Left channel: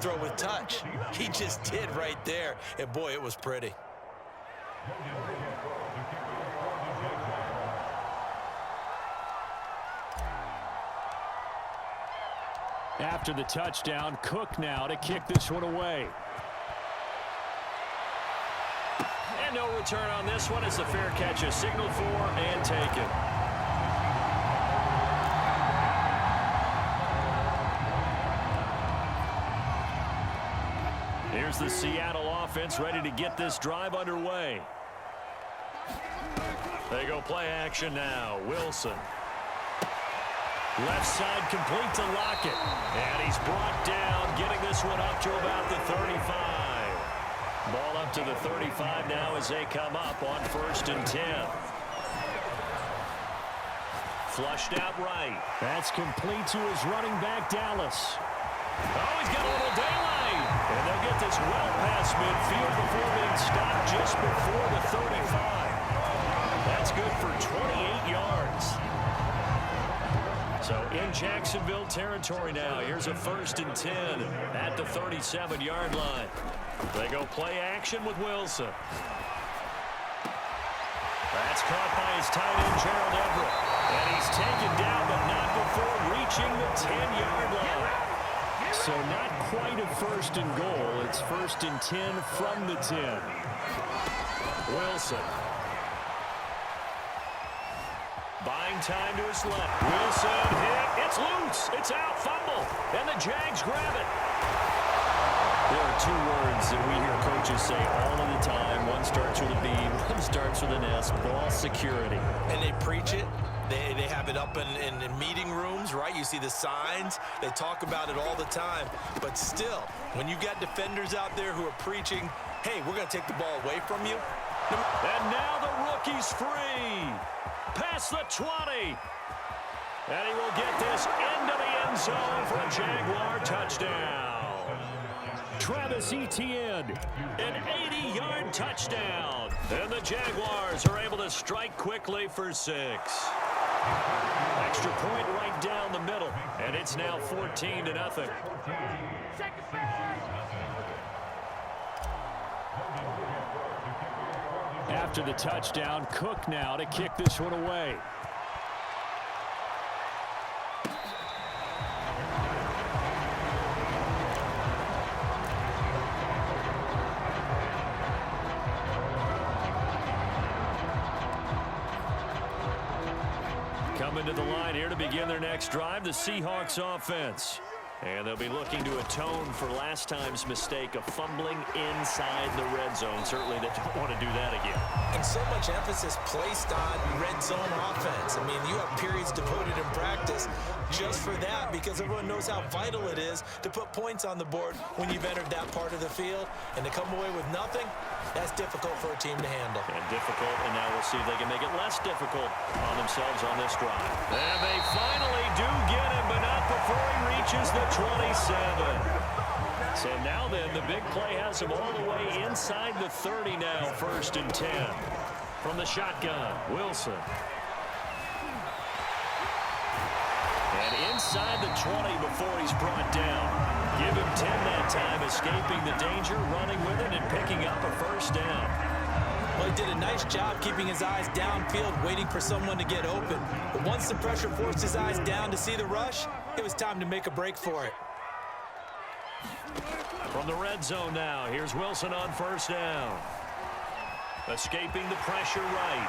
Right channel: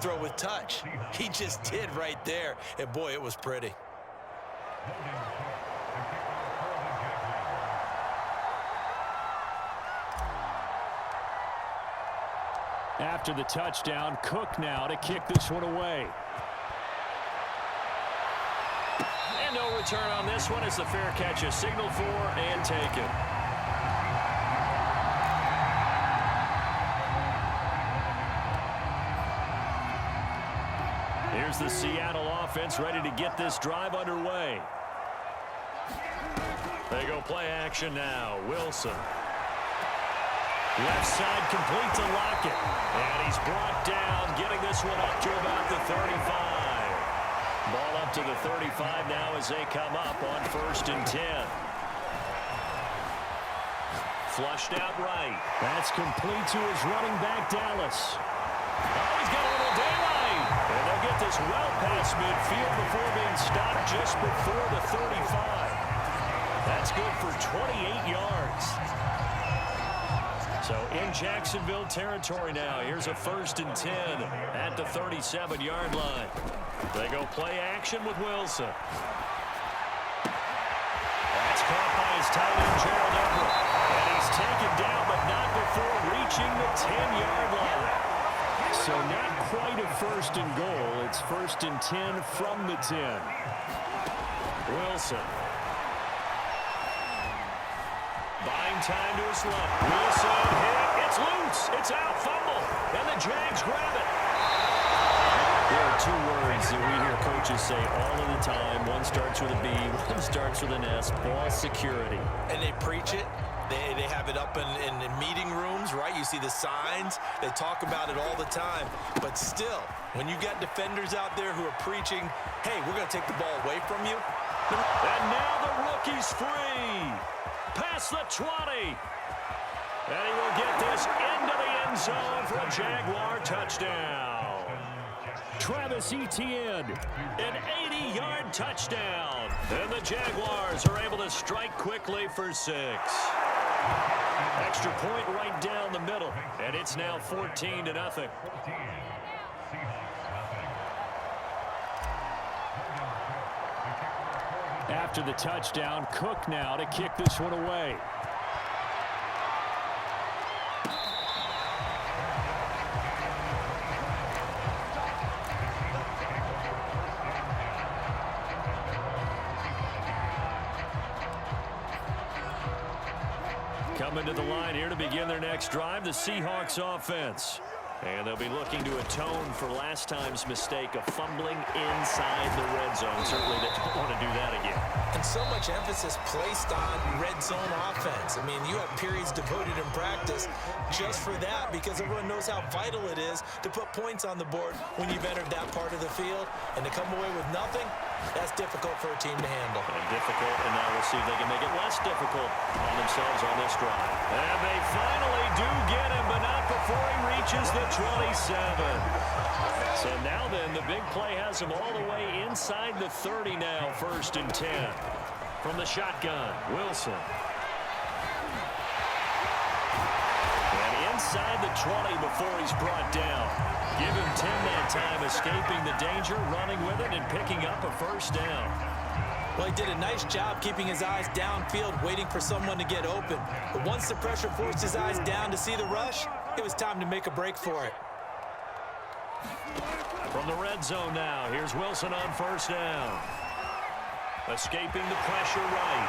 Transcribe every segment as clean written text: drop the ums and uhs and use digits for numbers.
throw with touch. He just did right there, and boy, it was pretty. After the touchdown, Cook now to kick this one away. And no return on this one as the fair catch is signaled for and taken. Here's the Seattle offense ready to get this drive underway. They go play action now. Wilson. Left side complete to Lockett. And he's brought down, getting this one up to about the 35. Ball up to the 35 now as they come up on 1st and 10. Flushed out right. That's complete to his running back, Dallas. Oh, he's got a little daylight. And they'll get this well past midfield before being stopped just before the 35. That's good for 28 yards. So in Jacksonville territory now. Here's a 1st and 10 at the 37-yard line. They go play action with Wilson. That's caught by his tight end, Gerald Everett. And he's taken down, but not before reaching the 10-yard line. So not quite a 1st and goal. It's 1st and 10 from the 10. Wilson. Buying time to his left. Wilson hit. It's loose. It's out. Fumble. And the Jags grab it. There are 2 words that we hear coaches say all of the time. One starts with a B. One starts with an S. Ball security. And they preach it. They have it up in meeting rooms, right? You see the signs. They talk about it all the time. But still, when you got defenders out there who are preaching, hey, we're going to take the ball away from you. And now the rookie's free. Past the 20. And he will get this into the end zone for a Jaguar touchdown. Travis Etienne, an 80-yard touchdown. And the Jaguars are able to strike quickly for 6. Extra point right down the middle. And it's now 14-0. After the touchdown, Cook now to kick this one away. Coming to the line here to begin their next drive, the Seahawks offense. And they'll be looking to atone for last time's mistake of fumbling inside the red zone. Certainly they don't want to do that again. And so much emphasis placed on red zone offense. I mean, you have periods devoted in practice just for that because everyone knows how vital it is to put points on the board when you've entered that part of the field. And to come away with nothing, that's difficult for a team to handle. And difficult, and now we'll see if they can make it less difficult on themselves on this drive. And they finally do get him, but not before he reaches the 27. So now then, the big play has him all the way inside the 30 now, 1st and 10. From the shotgun, Wilson. And inside the 20 before he's brought down. Give him 10 that time, escaping the danger, running with it, and picking up a 1st down. Well, he did a nice job keeping his eyes downfield, waiting for someone to get open. But once the pressure forced his eyes down to see the rush, it was time to make a break for it. From the red zone now, here's Wilson on 1st down. Escaping the pressure right.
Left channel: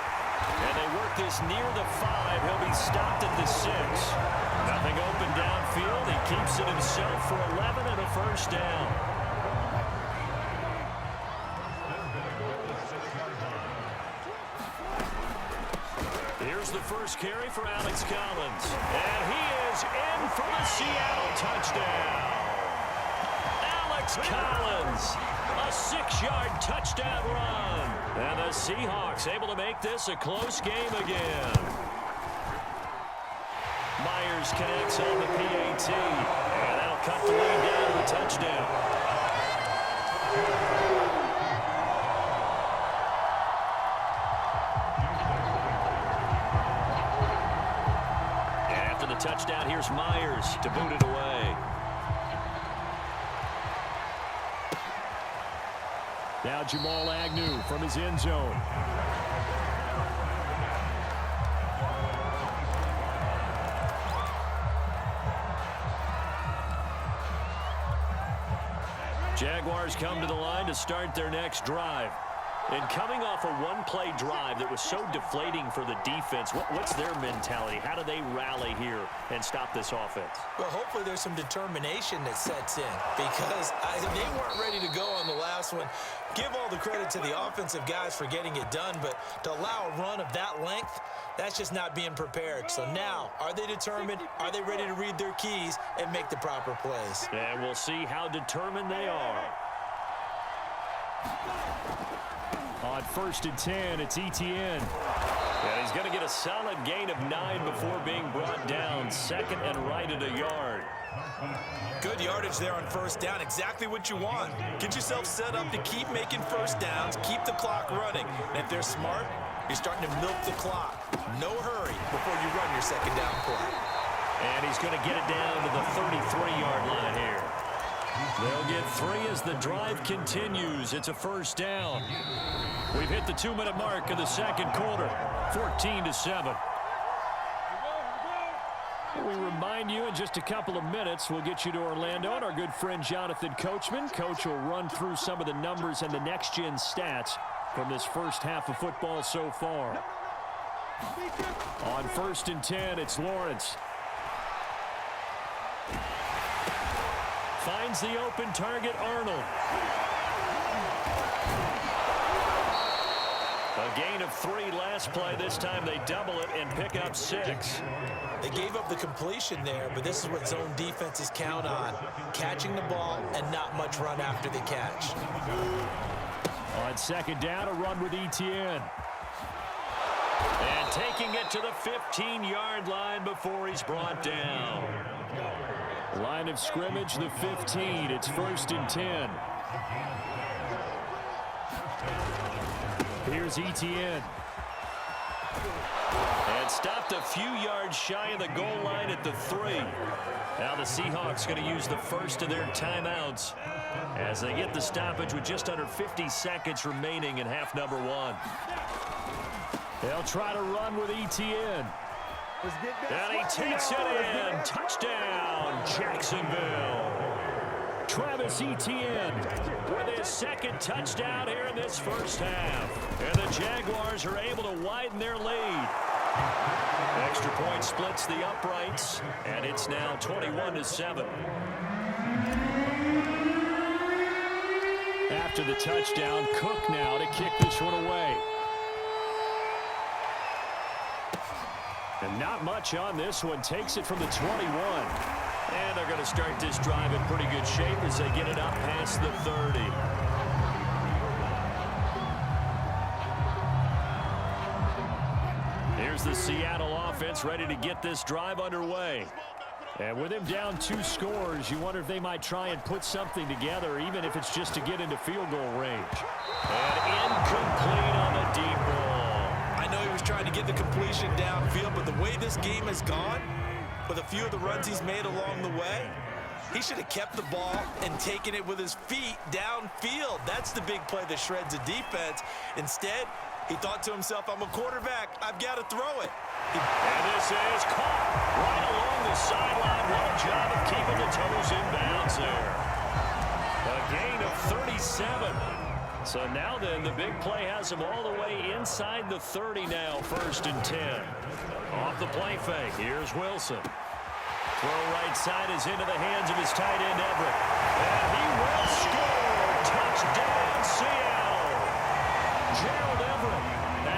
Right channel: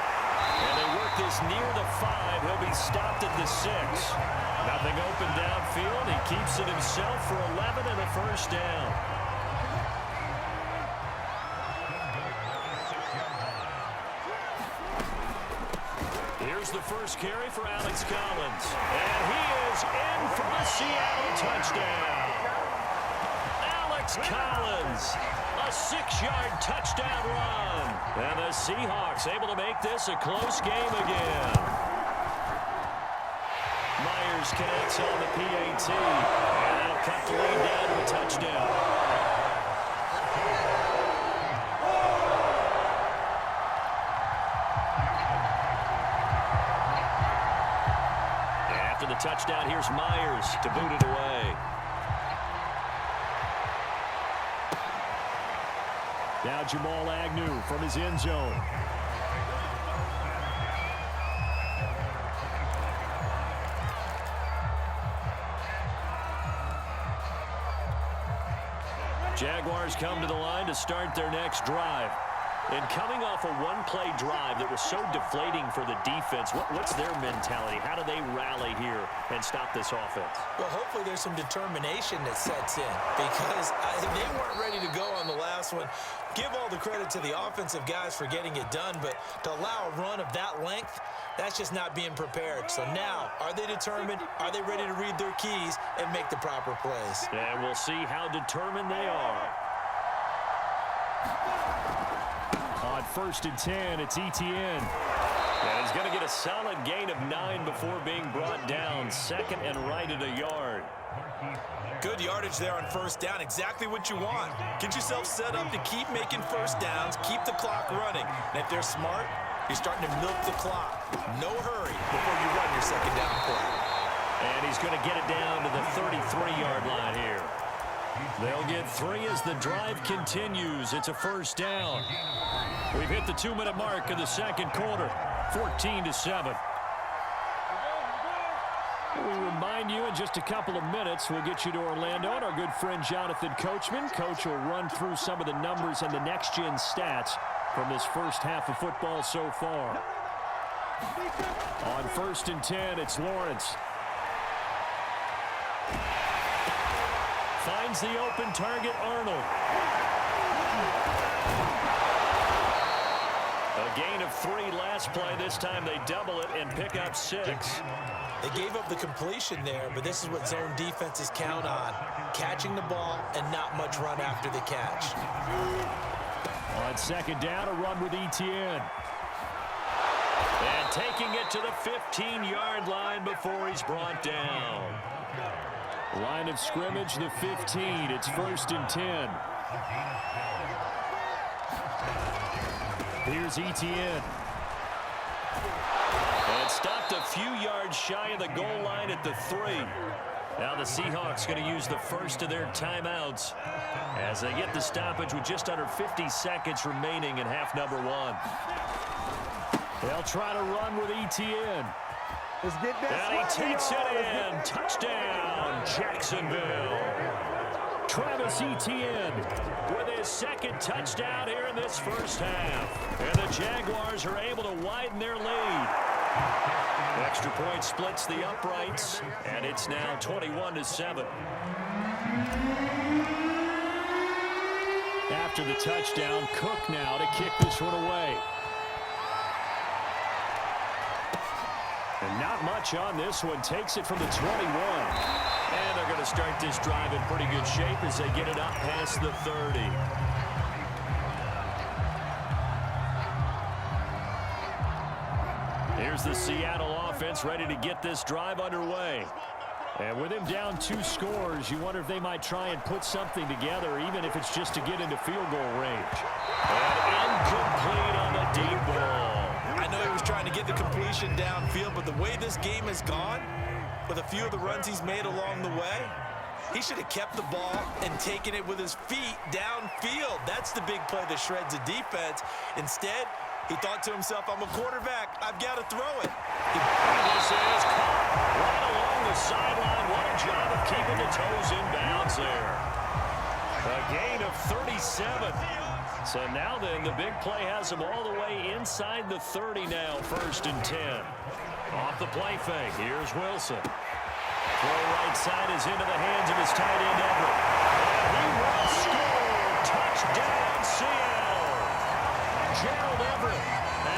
And they work this near the 5. He'll be stopped at the 6. Nothing open downfield. He keeps it himself for 11 and a 1st down. Here's the first carry for Alex Collins. And he is in for the Seattle touchdown. Alex Collins, a 6-yard touchdown run. And the Seahawks able to make this a close game again. Myers connects on the PAT. And that'll cut the lead down to a touchdown. And after the touchdown, here's Myers to boot it away. Now Jamal Agnew from his end zone. Jaguars come to the line to start their next drive. And coming off a one-play drive that was so deflating for the defense, what's their mentality? How do they rally here and stop this offense? Well, hopefully there's some determination that sets in because they weren't ready to go on the last one. Give all the credit to the offensive guys for getting it done, but to allow a run of that length, that's just not being prepared. So now, are they determined? Are they ready to read their keys and make the proper plays? And we'll see how determined they are. On 1st and 10, it's Etienne. And he's going to get a solid gain of 9 before being brought down. Second and right at a yard. Good yardage there on 1st down. Exactly what you want. Get yourself set up to keep making 1st downs, keep the clock running. And if they're smart, you're starting to milk the clock. No hurry before you run your 2nd down play. And he's going to get it down to the 33-yard line here. They'll get 3 as the drive continues. It's a 1st down. We've hit the 2-minute mark of the 2nd quarter, 14-7. We remind you in just a couple of minutes, we'll get you to Orlando and our good friend Jonathan Coachman. Coach will run through some of the numbers and the next-gen stats from this first half of football so far. On 1st and 10, it's Lawrence. Finds the open target, Arnold. A gain of 3 last play. This time they double it and pick up 6. They gave up the completion there, but this is what zone defenses count on. Catching the ball and not much run after the catch. On 2nd down, a run with Etienne. And taking it to the 15-yard line before he's brought down. Line of scrimmage, the 15. It's 1st and 10. Here's Etienne. And stopped a few yards shy of the goal line at the 3. Now the Seahawks going to use the first of their timeouts as they get the stoppage with just under 50 seconds remaining in half number 1. They'll try to run with Etienne. And he takes it in. Touchdown, Jacksonville. Travis Etienne with his 2nd touchdown here in this first half. And the Jaguars are able to widen their lead. Extra point splits the uprights, and it's now 21-7. After the touchdown, Cook now to kick this one away. And not much on this one. Takes it from the 21. And they're going to start this drive in pretty good shape as they get it up past the 30. Here's the Seattle offense ready to get this drive underway. And with him down 2 scores, you wonder if they might try and put something together, even if it's just to get into field goal range. And incomplete on the deep ball. I know he was trying to get the completion downfield, but the way this game has gone, with a few of the runs he's made along the way, he should have kept the ball and taken it with his feet downfield. That's the big play that shreds the defense. Instead, he thought to himself, I'm a quarterback. I've got to throw it. And this is caught right along the sideline. What a job of keeping the toes in bounds there. A gain of 37. So now then, the big play has him all the way inside the 30 now, 1st and 10. Off the play fake, here's Wilson. Throw right side is into the hands of his tight end, Everett. And he will score. Touchdown, Seattle. Gerald Everett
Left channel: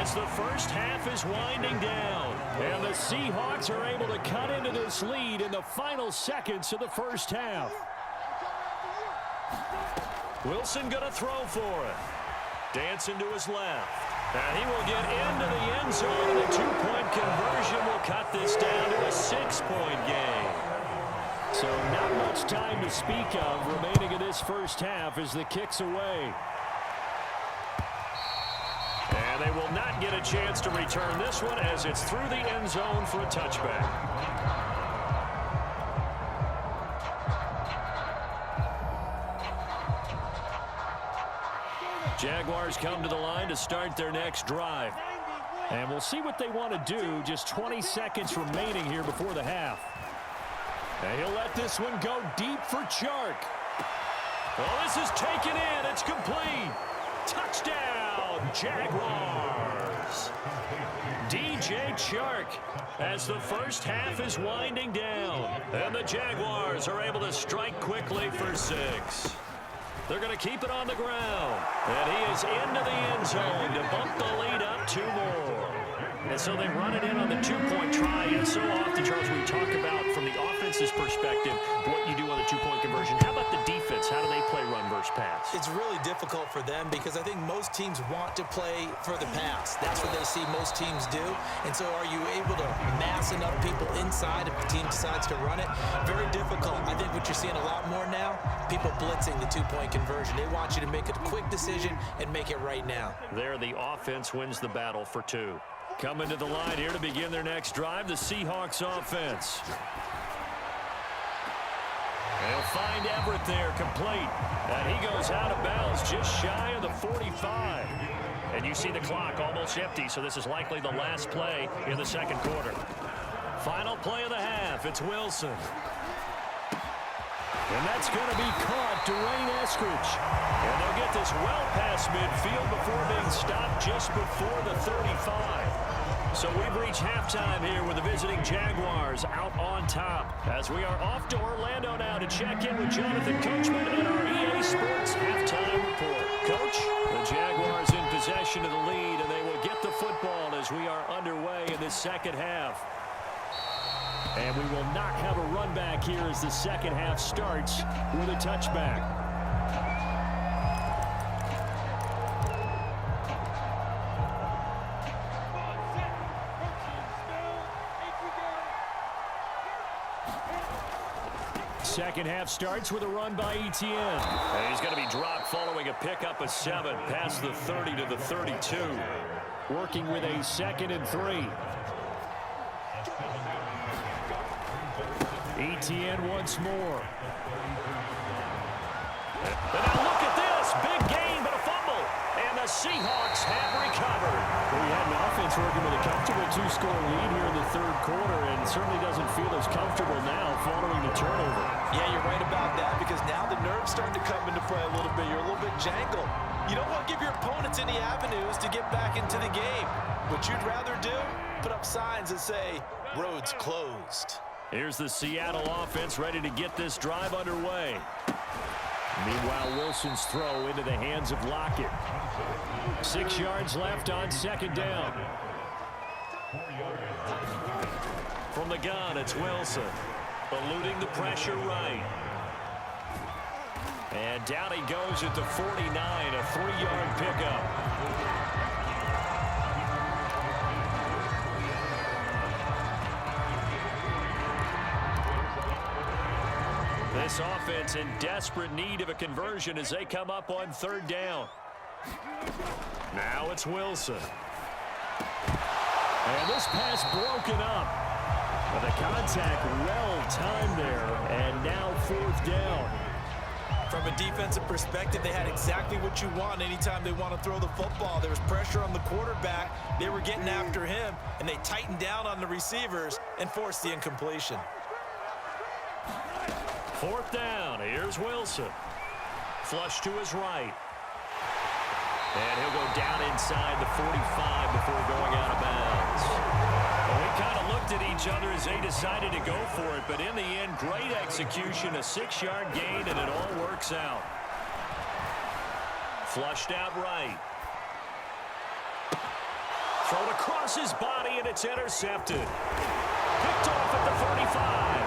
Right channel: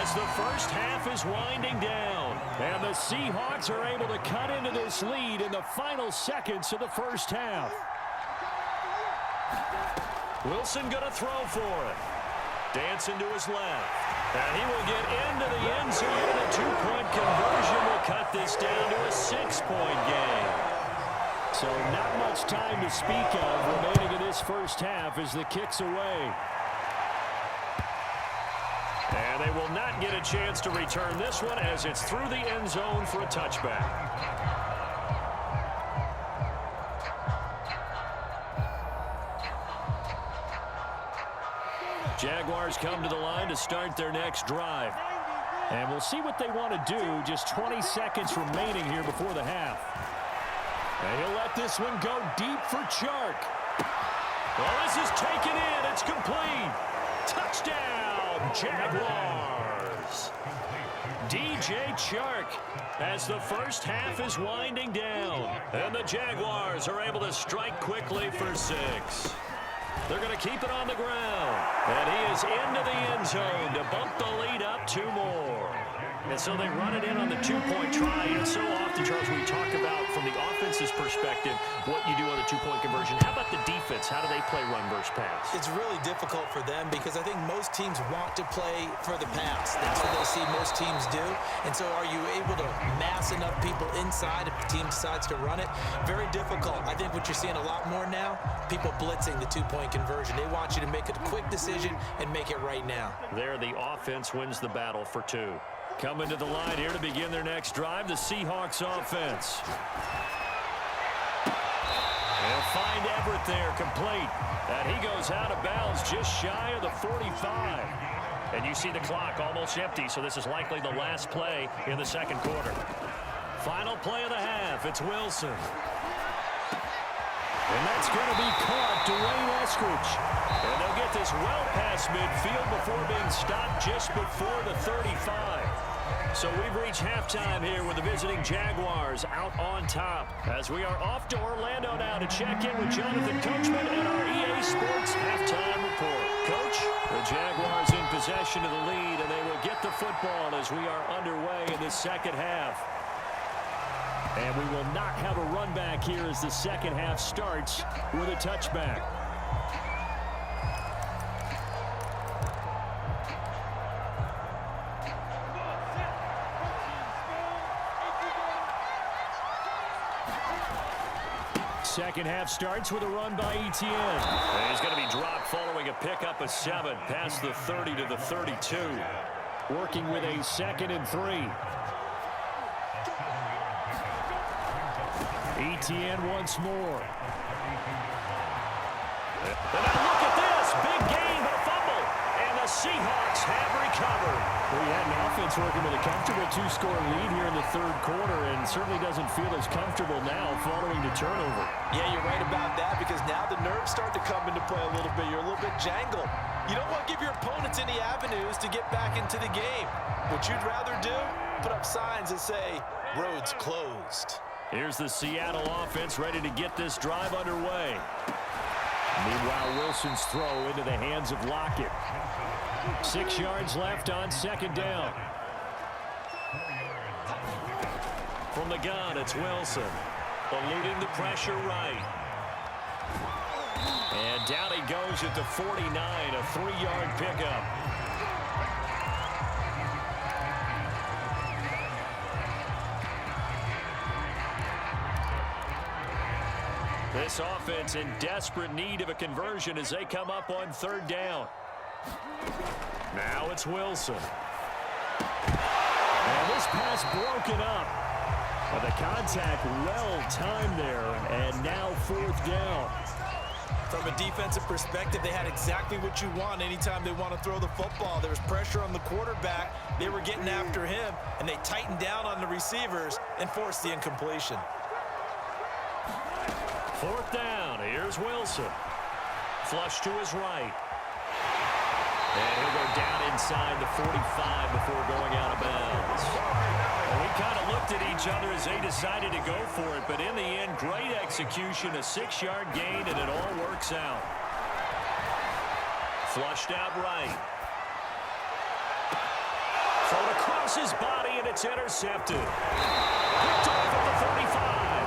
as the first half is winding down. And the Seahawks are able to cut into this lead in the final seconds of the first half. Wilson going to throw for it. Dancing to his left. And he will get into the end zone, and the 2-point conversion will cut this down to a 6-point game. So not much time to speak of remaining in this first half as the kick's away. And they will not get a chance to return this one as it's through the end zone for a touchback. Jaguars come to the line to start their next drive. And we'll see what they want to do. Just 20 seconds remaining here before the half. And he'll let this one go deep for Chark. Well, this is taken in. It's complete. Touchdown, Jaguars. DJ Chark as the first half is winding down. And the Jaguars are able to strike quickly for 6. They're going to keep it on the ground. And he is into the end zone to bump the lead up 2 more. And so they run it in on the 2-point try. And so often, Charles, we talk about from the offense's perspective what you do on the 2-point conversion. How about the defense? How do they play run versus pass? It's really difficult for them because I think most teams want to play for the pass. That's what they see most teams do. And so are you able to mass enough people inside if the team decides to run it? Very difficult. I think what you're seeing a lot more now, people blitzing the 2-point conversion. They want you to make a quick decision and make it right now. There, the offense wins the battle for 2. Coming to the line here to begin their next drive, the Seahawks offense. They'll find Everett there, complete. And he goes out of bounds just shy of the 45. And you see the clock almost empty, so this is likely the last play in the second quarter. Final play of the half, it's Wilson. And that's going to be caught, Dwayne Eskridge. And they'll get this well past midfield before being stopped just before the 35. So we've reached halftime here with the visiting Jaguars out on top. As we are off to Orlando now to check in with Jonathan Coachman and our EA Sports halftime report. Coach, the Jaguars in possession of the lead, and they will get the football as we are underway in this second half. And we will not have a run back here as the second half starts with a touchback. Second half starts with a run by Etienne. And he's going to be dropped following a pickup of 7 past the 30 to the 32. Working with a 2nd and 3. Etienne once more. And now look at this. Big gain, but a fumble. And the Seahawks have recovered. Well, you had an offense working with a comfortable 2-score lead here in the third quarter, and certainly doesn't feel as comfortable now following the turnover. Yeah, you're right about that because now the nerves starting to come into play a little bit. You're a little bit jangled. You don't want to give your opponents any avenues to get back into the game. What you'd rather do, put up signs that say, roads closed. Here's the Seattle offense ready to get this drive underway. Meanwhile, Wilson's throw into the hands of Lockett. 6 yards left on 2nd down. From the gun, it's Wilson. Eluding the pressure right. And down he goes at the 49, a 3-yard pickup. This offense in desperate need of a conversion as they come up on 3rd down. Now it's Wilson. And this pass broken up. But the contact well timed there, and now 4th down. From a defensive perspective, they had exactly what you want anytime they want to throw the football. There was pressure on the quarterback. They were getting after him, and they tightened down on the receivers and forced the incompletion. 4th down. Here's Wilson. Flush to his right. And he'll go down inside the 45 before going out of bounds. Well, we kind of looked at each other as they decided to go for it, but in the end, great execution, a 6-yard gain, and it all works out. Flushed out right. Thrown across his body, and it's intercepted. Picked off at the 35.